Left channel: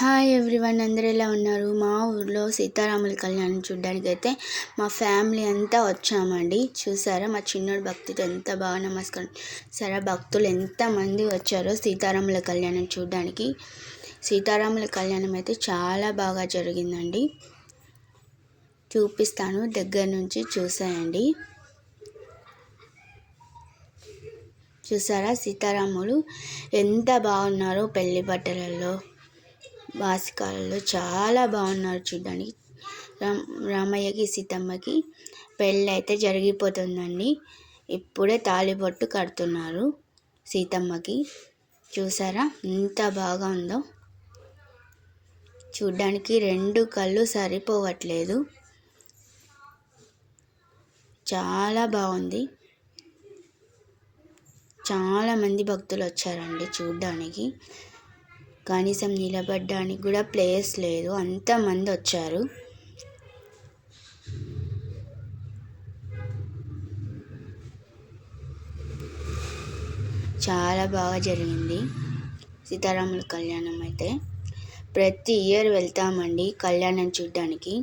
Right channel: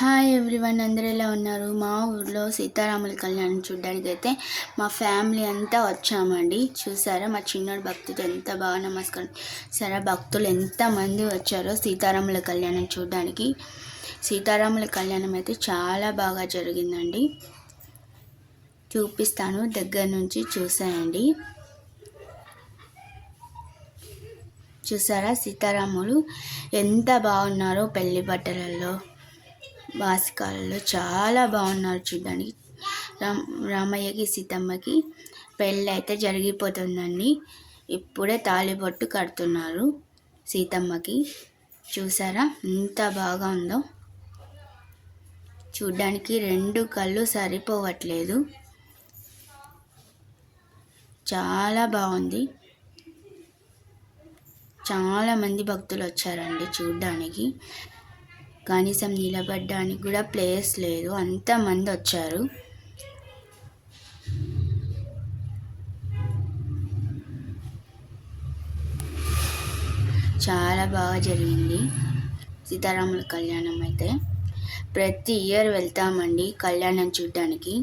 Hi everyone, అందరూ ఎలా ఉన్నారు? మా ఊర్లో సీతారాముల కళ్యాణం చూడడానికైతే మా ఫ్యామిలీ అంతా వచ్చామండి. చూసారా మా చిన్నోడు భక్తితో ఎంత బాగా నమస్కారం. సరే, భక్తులు ఎంతమంది వచ్చారో సీతారాముల కళ్యాణం చూడడానికి. సీతారాముల కళ్యాణం అయితే చాలా బాగా జరిగిందండి. చూపిస్తాను, దగ్గర నుంచి చూసేయండి. చూసారా సీతారాములు ఎంత బాగున్నారో, పెళ్లి బట్టలలో వాసికాలలో చాలా బాగున్నారు చూడడానికి. రామయ్యకి సీతమ్మకి పెళ్ళి అయితే జరిగిపోతుందండి. ఇప్పుడే తాళిబొట్టు కడుతున్నారు సీతమ్మకి. చూసారా ఎంత బాగా ఉందో, చూడ్డానికి రెండు కళ్ళు సరిపోవట్లేదు, చాలా బాగుంది. చాలామంది భక్తులు వచ్చారండి చూడ్డానికి. కనీసం నిలబడడానికి కూడా ప్లేస్ లేదు, అంతమంది వచ్చారు. చాలా బాగా జరిగింది సీతారాముల కళ్యాణం అయితే. ప్రతి ఇయర్ వెళ్తామండి కళ్యాణం చూడడానికి.